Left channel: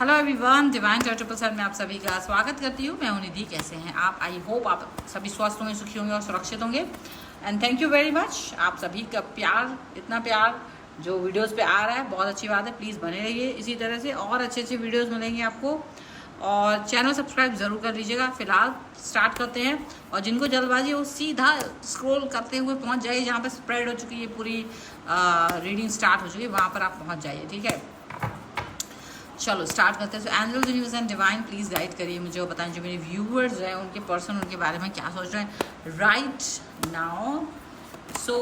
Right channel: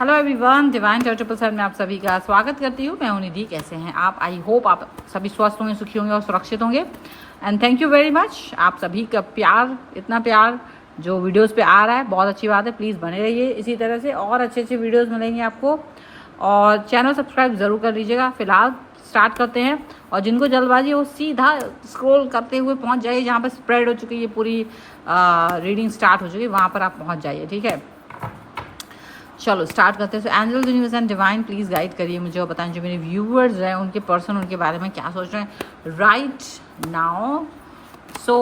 Hello everyone, divine charitable साहब में आप सभी का स्वागत करती हूँ। मैं हूं निधि। कैसे हैं आप? आई होप आप सभी स्वस्थ होंगे, सुखी होंगे और सुरक्षित होंगे। And thank you very much. आप सभी का प्यार, इतना प्यार जो वीडियोस पे आ रहा है, बहुत अच्छी बात है। प्लीज़ बने रहिए इसी तरह से, और अच्छे अच्छे वीडियोस मिलेंगे आपको। और चैनल सब्सक्राइब ज़रूर कर लीजिएगा। फिलहाल स्टार्ट करते हैं। और जिनको जल्दबाजी वो सीधा स्क्रॉल करते हुए पहुँच जाइए जहाँ पर स्प्रेड हो चुकी है पूरी रीडिंग स्टार्ट हो चुकी है, वहाँ पर आप पहुँच जाइए। ठीक है, चलो स्टार्ट करते हैं। So angel, universe and divine please guide करिए मुझे और बताएं जो मेरे व्यूअर्स हैं उनके पर्सन उनके बारे में क्या सोच रहे हैं राइट नाउ। सो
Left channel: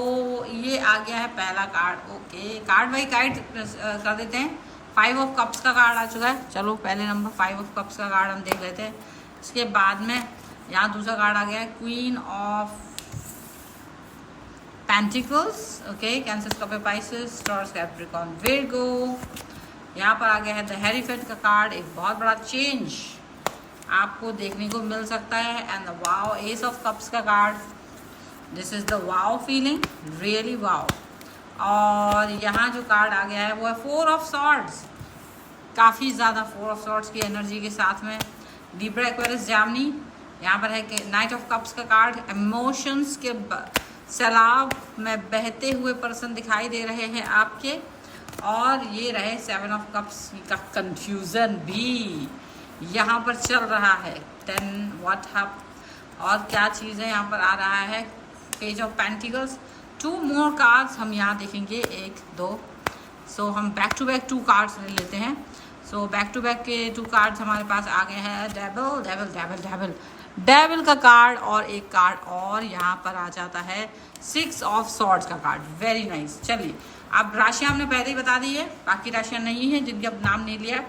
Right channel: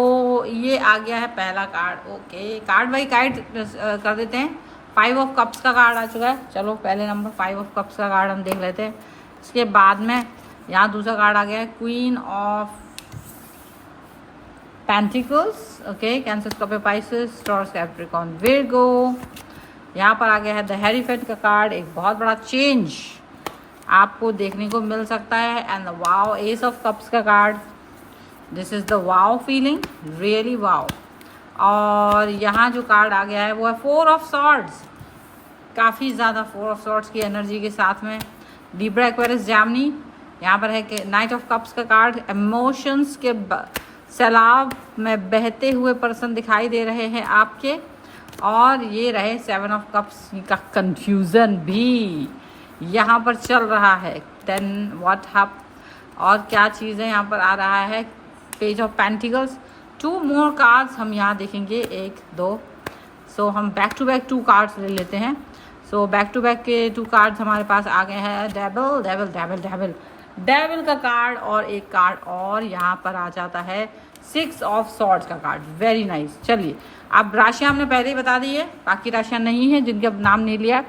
ये आ गया है पहला card. Okay, card by card कर देते हैं। 5 ऑफ कप्स का कार्ड आ चुका है। चलो पहले नंबर 5 ऑफ कप्स का कार्ड हम देख लेते हैं। इसके बाद में यहाँ दूसरा कार्ड आ गया है queen of pentacles. Okay, cancer, Scorpio, Pisces, taurus, Capricorn, Virgo. यहाँ पर आ गया है द हेरीफेंट का कार्ड। एक बहुत बड़ा चेंज आपको देखने को मिल सकता है। And the wow, ace of cups का card. This is the wow feeling, really wow. और यहाँ जो कार्ड आ गया है वो है 4 ऑफ सॉर्ड्स। काफ़ी ज़्यादा 4 ऑफ सॉर्ड्स की एनर्जी के साथ में लिब्रा, एक्वेरियस, जेमिनी। यहाँ पर है नाइट ऑफ कप्स का कार्ड। इमोशंस के सैलाब में बहते हुए पर्सन दिखाई दे रहे हैं आपके। और ये रहे 7 ऑफ कप्स का कंफ्यूजन भी यहाँ पर चल रहा है। 10 व्हाट हप और क्या चीज़ें यहाँ पर आ रहा है। Page of pentacles. 2 more cards हम यहाँ देखेंगे, 1 2। सो हम बैक टू बैक 2 कार्ड्स ले लेते हैं। सो बैक टू बैक के 2 कार्ड्स हमारे पास आ गए हैं। Devil, devil, devil, devil, devil का कार्ड और एक कार्ड और यहाँ पर आ जाता है 6 ऑफ सॉर्ड्स का कार्ड। Very nice. चलिए, अब राशियाँ हमने पहले ही बता दी है, बाकी राशियाँ नहीं हैं जिनके अब नाम नहीं लिया।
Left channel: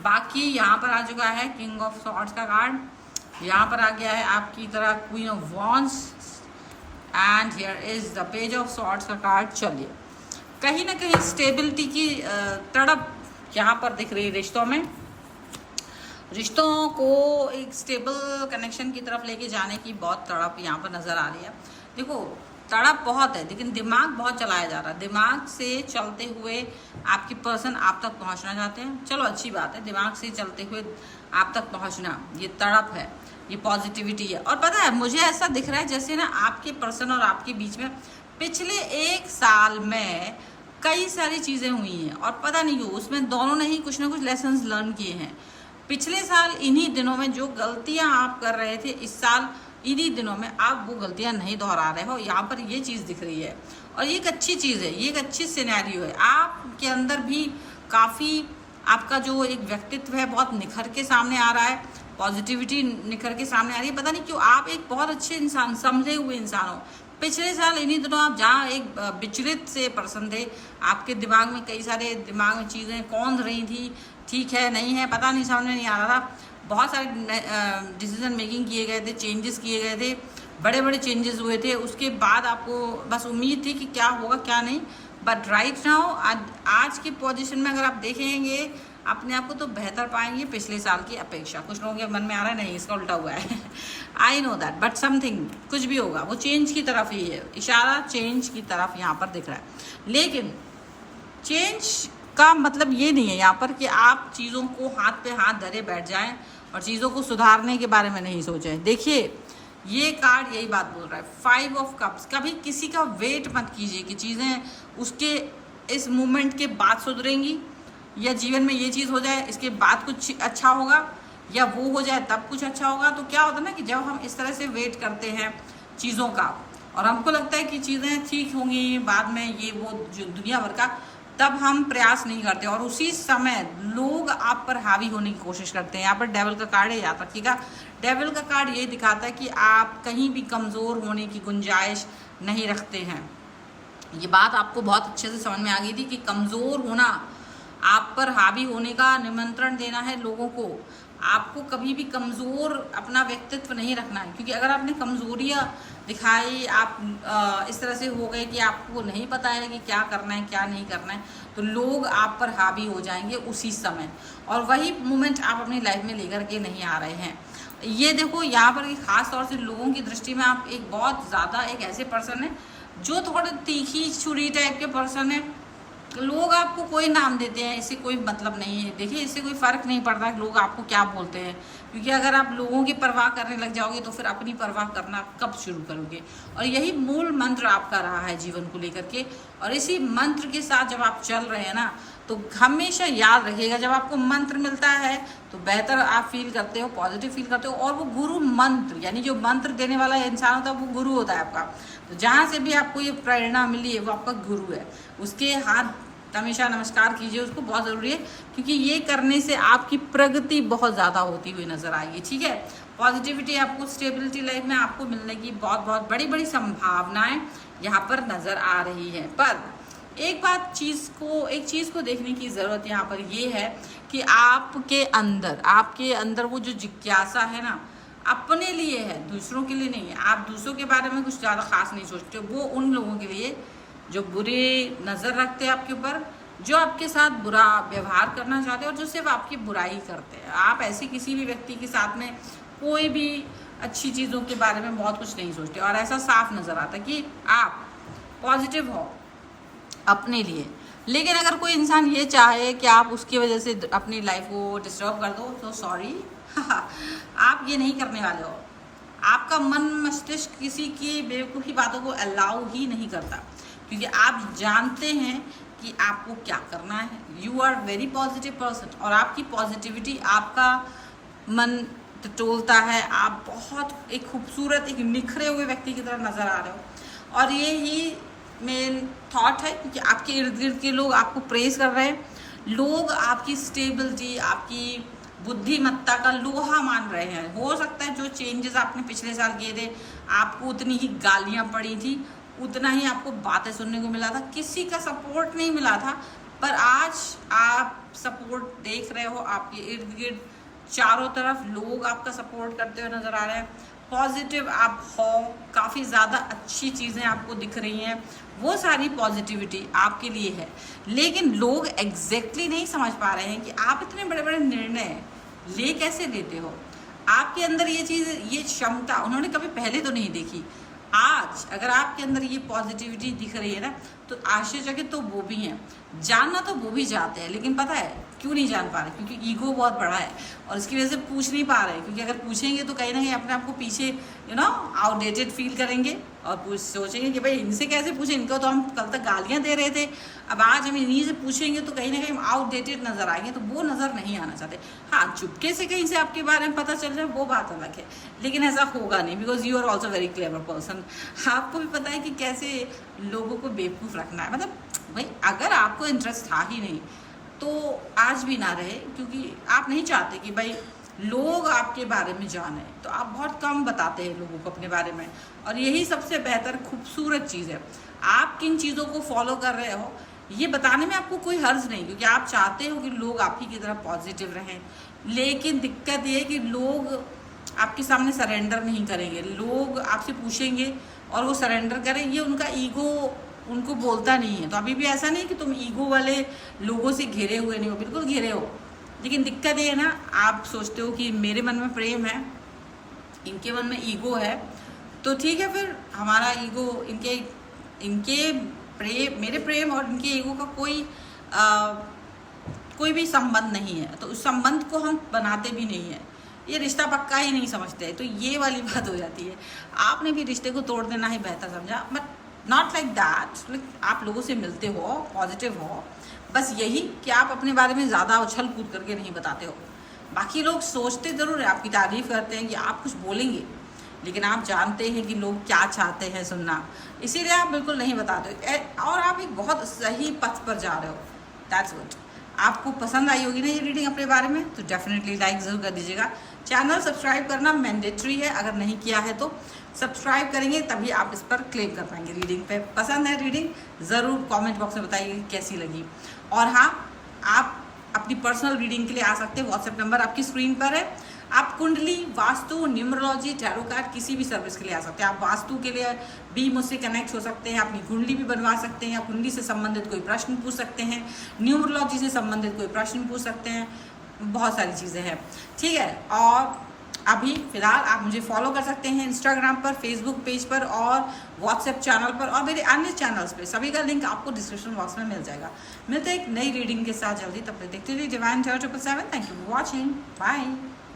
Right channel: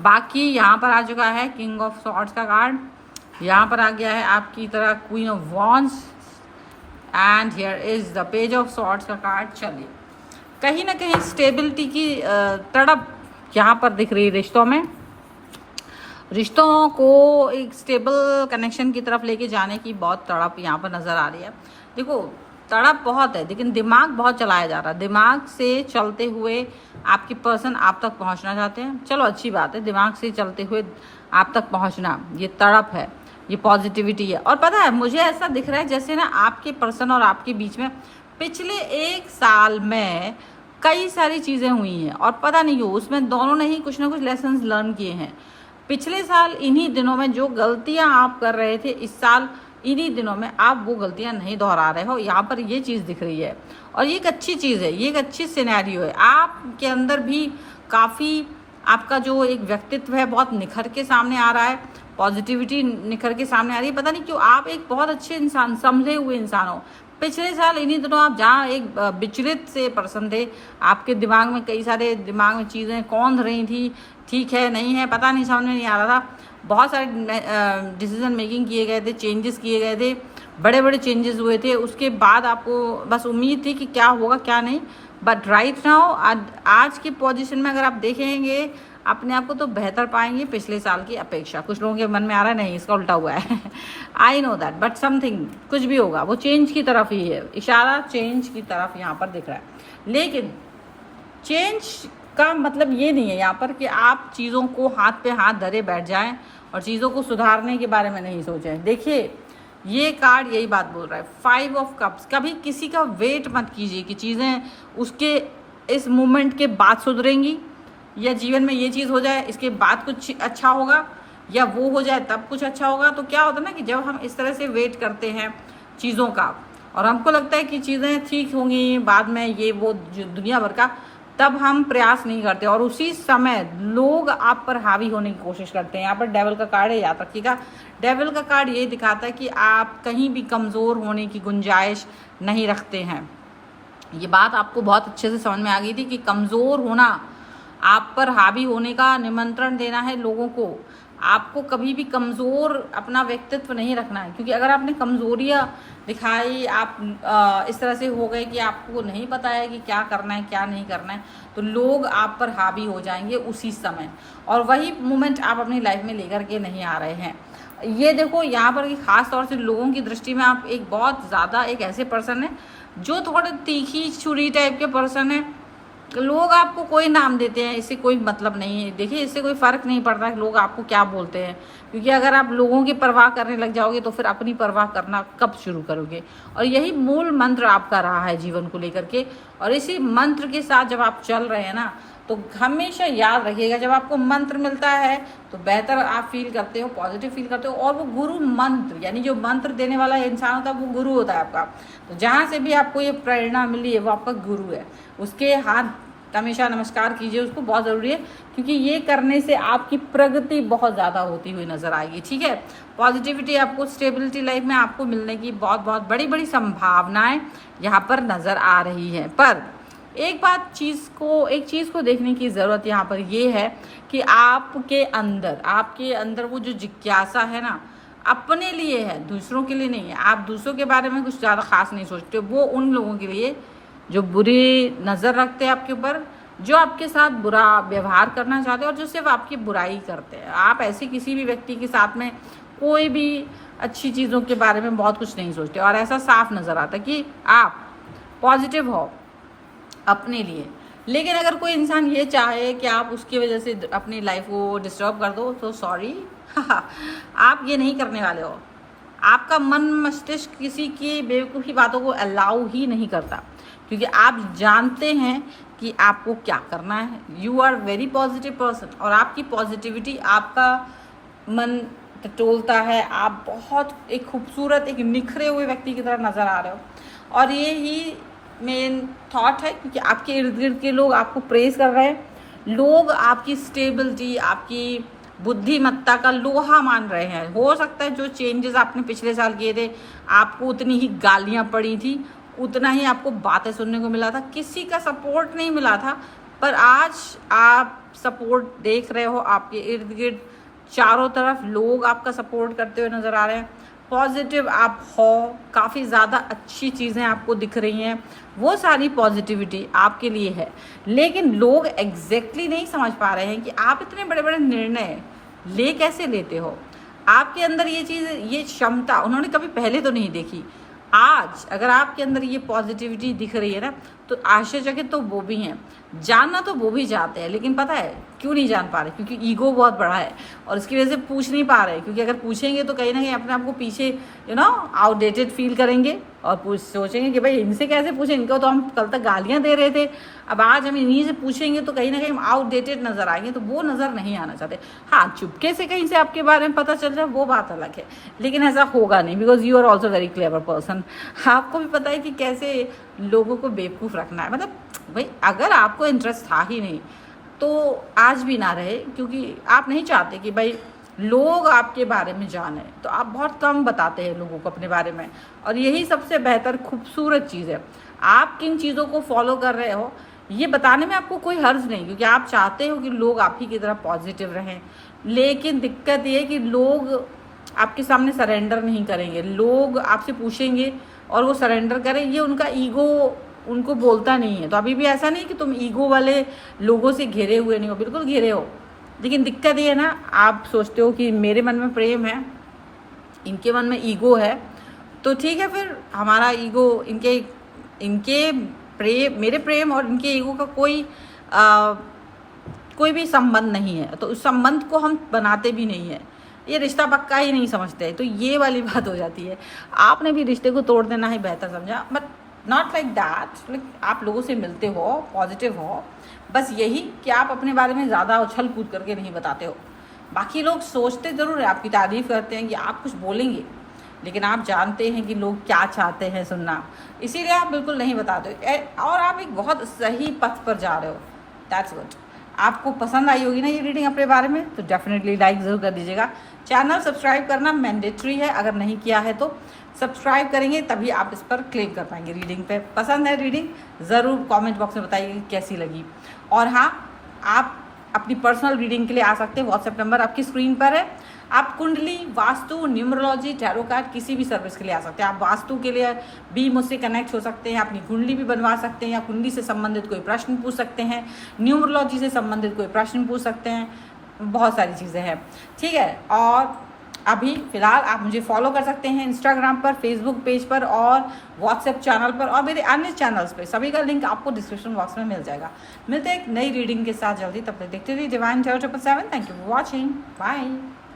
बाकी यहाँ पर आ चुका है किंग ऑफ सॉर्ड्स का कार्ड। यहाँ पर आ गया है आपकी तरह queen of wands. And here is the page of swords का कार्ड। चलिए, कहीं ना कहीं स्टेबिलिटी की तड़प यहाँ पर दिख रही है रिश्तों में। रिश्तों को एक स्टेबल कनेक्शन की तरफ लेके जाने की बहुत तड़प यहाँ पर नज़र आ रही है। देखो, तड़प बहुत है लेकिन दिमाग बहुत चलाया जा रहा है। दिमाग से चलते हुए आपके पर्सन आप तक पहुंचना चाहते हैं। चलो अच्छी बात है, दिमाग से चलते हुए आप तक पहुंचना, ये तड़प है, ये पॉजिटिविटी है। और पता है, मुझे ऐसा दिख रहा है जैसे ना आपके पर्सन और आपके बीच में पिछले 1 साल में कई सारी चीज़ें हुई हैं और पता नहीं क्यों उसमें दोनों ने ही कुछ ना कुछ लेसन्स लर्न किए हैं। पिछले साल इन्हीं दिनों में जो गलतियां आप कर रहे थे, इस साल इन्हीं दिनों में आप वो गलतियां नहीं दोहरा रहे हो। यहाँ पर ये चीज़ दिख रही है और ये एक अच्छी चीज़ है, ये एक अच्छी सिनेरियो है। आपके अंदर भी काफ़ी आपका जो एक व्यक्तित्व है बहुत निखर के सामने आ रहा है। पॉजिटिविटी निखर के सामने आ रही है। पता नहीं क्यों आप एक बहुत अच्छे इंसान, समझे हुए इंसान हो। पिछले साल इन्हीं दिनों आप जहाँ एक विचलित से पर्सन थे, आपके दिमाग में कई सारे दिमाग में चीज़ें कौंध रही थी, ठीक है नहीं है, पता नहीं, समझ में नहीं आ रहा था। बहुत सारे डिसीजन मेकिंग किए गए थे, चेंजेस किए गए थे, बड़े बड़े चेंजेस हुए थे। उसके बाद आपको बस उम्मीद थी कि क्या होगा क्या नहीं। बट राइट नाउ आज की पोजीशन में अगर आप देखेंगे अपने आप को तो बेहतर पाएंगे पिछले साल की अपेक्षा। कुछ लोगों के मन में आ रहा है नहीं, इसका उल्टा हुआ है। I know that, but something कुछ भी होगा वो चेंज की तरफ ही है, इशारा चेंज की तरफ यहाँ पर दिख रहा है। लेकिन चेंज का मतलब ये नहीं है यहाँ पर कि आप चीज़ों को हाथ पे हाथ धरे बैठ जाएं और चीज़ों को सुधारने के बारे में नहीं सोचें। देखिए, ये कार्ड यही बात बोल रहा है, 5 ऑफ कप्स। कभी किसी का वेट मत कीजिए कि चीज़ें उसके इस मोमेंट के बाद सुधरेंगी, या जीवन में ये चीज़ हो जाए इसके बाद कुछ अच्छा होगा, या वो हो जाए तब कुछ अच्छा होगा। तो क्या होता है ना कि जब हम इस तरह से वेट करते हैं चीज़ों का और हमको लगता है कि चीज़ें ठीक होंगी बाद में, ये वो जो दुनिया भर का, तब हम प्रयास नहीं करते और उसी समय लोग आप पर हावी होने की कोशिश करते हैं। यहाँ पर डेविल का कार्ड है, याद रखिएगा। डेविल का कार्ड ये दिखाता है कि आप कहीं भी कमज़ोर होने की गुंजाइश नहीं रखते हैं। ये बात आपको बहुत अच्छे से समझ में आ गई थी कि कमज़ोर होना, आप पर हावी होने का निमंत्रण देना है लोगों को। आपको कभी भी कमज़ोर अपना व्यक्तित्व नहीं रखना है, क्योंकि अगर आपने कमज़ोरियाँ दिखाई, आप इस तरह से हो गए कि आपको नहीं पता है कि क्या करना है क्या नहीं करना है, तो लोग आप पर हावी हो जाएंगे उसी समय। और वही मोमेंट आप अपनी लाइफ में लेकर के नहीं आ रहे हैं। ये देखो, यहाँ पर ख़ास तौर से लोगों की दृष्टि में आप एक बहुत ज़्यादा एक ऐसे पर्सन है जो थोड़े तीखी छुरी टाइप के पर्सन है। लोग आपको कोई नाम देते हैं, इससे कोई मतलब नहीं है। देखिए, इससे कोई फ़र्क नहीं पड़ रहा है लोग आपको क्या बोलते हैं, क्योंकि अगर आप लोगों की परवाह करने लग जाओगे तो फिर अपनी परवाह करना कब शुरू करोगे। और यही मूल मंत्र आपका रहा है जीवन को लेकर के, और इसी मंत्र के साथ जब आप चल रहे हैं ना, तो हमेशा याद रखिएगा, जब आपको मंत्र मिलता है तो बेहतर आप फील करते हो, पॉजिटिव फील करते हो। और वो गुरु मंत्र, यानी जो मंत्र देने वाला इंसान होता है वो गुरु होता है आपका। तो जहाँ से भी आपको ये प्रेरणा मिली है वो आपका गुरु है, उसके हाथ हमेशा नमस्कार कीजिए, उसको बहुत ज़रूरी है, क्योंकि ये करने से आपकी प्रगति बहुत ज़्यादा होती हुई नज़र आएगी। ठीक है, पॉजिटिविटी, आपको स्टेबिलिटी लाइफ में आपको मिलने की बहुत बहुत बड़ी बड़ी संभावनाएं यहाँ पर नज़र आ रही हैं। पर एक चीज़ को देखने की ज़रूरत यहाँ पर ये है कि आपके अंदर वो जो जिज्ञासा है ना, अपने लिए है, दूसरों के लिए नहीं है। आप दूसरों के बारे में कुछ ज़्यादा खास नहीं सोचते, वो उन लोगों के लिए जो बुरी नज़र रखते हैं आपके ऊपर, जो आपके साथ बुरा व्यवहार करना चाहते हैं और जो सिर्फ आपकी बुराई करते हैं। आप ऐसी किसी भी व्यक्ति के साथ में कोई भी अच्छी चीज़ों के बारे में बहुत कुछ नहीं सोचते, और ऐसा साफ नज़र आता है कि आप पॉजिटिव हो अपने लिए। लेकिन अगर कोई इंसान ये चाहे कि आप उसकी वजह से अपनी लाइफ को डिस्टर्ब कर दो, तो सॉरी आप ये नहीं करने वाले हो। आपका मन मस्तिष्क किसी की बेवकूफ़ी बातों को अलाउ ही नहीं करता, क्योंकि आप जानते हैं कि आपको क्या करना है। You are very positive person, और आपकी पॉजिटिविटी आपका मन टटोलता है। आप बहुत एक खूबसूरत, एक निखरे हुए व्यक्ति की तरह नज़र आ रहे हो, और ये ही मेन थॉट है, क्योंकि आपके इर्द गिर्द के लोग आपको प्रेज कर रहे हैं। लोग आपकी स्टेबिलिटी, आपकी बुद्धिमत्ता का लोहा मान रहे हैं। हो सकता है जो चेंजेस आपने पिछले साल किए थे, आपको उतनी ही गालियाँ पड़ी थी, उतना ही आपको बातें सुनने को मिला था, किसी का सपोर्ट नहीं मिला था, पर आज आप सपोर्ट देख रहे हो। आपके इर्द गिर्द चारों तरफ लोग आपका सपोर्ट करते हुए नज़र आ रहे हैं। पॉजिटिव आप हो, काफ़ी ज़्यादा अच्छी चीज़ें आपको दिख रही हैं, वो सारी पॉजिटिविटी आपके लिए है। लेकिन लोग एग्जैक्टली नहीं समझ पा रहे हैं कि आप इतने बड़े बड़े निर्णय ले कैसे लेते हो। आपके अंदर ये चीज़, ये क्षमता उन्होंने कभी पहले तो नहीं देखी। आज अगर आपके अंदर ये पॉजिटिविटी दिख रही है ना, तो आश्चर्यचकित तो वो भी हैं, जानना तो वो भी चाहते हैं, लेकिन पता है क्यों नहीं जान पा रहे? क्योंकि ईगो बहुत बड़ा है, और इसकी वजह से पूछ नहीं पा रहे। क्योंकि अगर पूछेंगे तो कहीं ना कहीं अपने आप को पीछे आउटडेटेड फील करेंगे, और सोचेंगे कि भाई इनसे कैसे पूछें, इनको तो हम कल तक गालियाँ दे रहे थे, अब आज हम इन्हीं से पूछेंगे तो कहीं ना कहीं हम आउटडेटेड नज़र आएंगे, तो वो नज़र नहीं आना चाहते। हाँ, चुपके से कहीं से आपके बारे में पता चल जाए वो बात अलग है, लेकिन ऐसा होगा नहीं, because you are also very clever person. आपको भी पता है कि कैसे लोगों को बेवकूफ़ रखना है। मतलब भाई, अगर आपको इंटरेस्ट था ही नहीं तो आज भी ना रहे, क्योंकि आप नहीं चाहते कि भाई लोग आपके बारे में जाने, तो आप बहुत कम बताते हैं लोगों को अपने बारे में, और यही सबसे बेहतर खूबसूरत चीज़ है। आप किन चीज़ों को फॉलो कर रहे हो ये बताने में आपको कोई हर्ज नहीं, क्योंकि आप चाहते हो कि लोग आप ही की तरह पॉजिटिव रहें। लेकिन दिक्कत ये है कि लोग आपके सामने सरेंडर नहीं करेंगे। लोग आपसे पूछेंगे और वो सरेंडर करें, ये उनका ईगो उनको बोलता नहीं है। तो अभी भी ऐसा नहीं कि तुम ईगो वाले लोगों से घिरे हुए नहीं हो, बिल्कुल घिरे हो। लेकिन दिक्कत ये है ना, आप सोचते हो कि मेरे मन में प्रेम है, इनके मन में ईगो है, तो ठीक है, फिर हमारा ईगो इनके प्रेम, मेरे प्रेम और इनके ईगो का कोई भी संबंध नहीं है, तो उस संबंध को हम बनाते भी नहीं है। ये रिश्ता पक्का ही नहीं समझते, तो ये वाली बात हो जाती है। आपने भी रिश्ते को तोड़ देना ही बेहतर समझा, बट नॉट लाइक दैट। आप लोगों से मिलते हो, पॉजिटिव हो, बस यही कि आप अपने बारे में ज़्यादा उछल कूद करके नहीं बताते हो। बाकी लोग सोचते ज़रूर है, आपकी तारीफ़ करते हैं कि आप कुछ बोलेंगे, लेकिन आप जानते हैं कि लोग क्या चाहते हैं सुनना, इसीलिए आप बिल्कुल नहीं बताते। और आप एक बहुत सही पथ पर जा रहे हो, दैट्स व्हाट। आपको पसंद आई होगी ना ये रीडिंग अपने बारे में, तो डेफिनेटली लाइक ज़रूर कर दीजिएगा। चैनल सब्सक्राइब करना मैंडेटरी है, अगर नहीं किया है तो सब्सक्राइब करेंगे तभी आप इस पर क्लेम कर पाएंगे रीडिंग पे। पसंद है रीडिंग, ज़रूर कमेंट बॉक्स में बताइए कैसी लगी। और हाँ, आप अपनी पर्सनल रीडिंग के लिए आ सकते हैं, व्हाट्सएप नंबर आपकी स्क्रीन पर है। आप कुंडली, वास्तु, न्यूमरोलॉजी, टैरो कार्ड किसी भी सर्विस के लिए आ सकते हैं। आप वास्तु के लिए भी मुझसे कनेक्ट हो सकते हैं, अपनी कुंडली भी बनवा सकते हैं, या कुंडली से संबंधित कोई प्रश्न पूछ सकते हैं, न्यूमरोलॉजी से संबंधित कोई प्रश्न पूछ सकते हैं, बहुत सारी चीज़ें हैं, ठीक है। और अभी फिलहाल आप मुझे फॉलो कर सकते हैं इंस्टाग्राम पर, फेसबुक पेज पर और व्हाट्सएप चैनल पर और मेरे अन्य चैनल्स पे। सभी का लिंक आपको डिस्क्रिप्शन बॉक्स में मिल जाएगा। मिलते हैं एक नई रीडिंग के साथ जल्दी, तब तक देखते रहिए divine 0777। Thank you for watching, bye.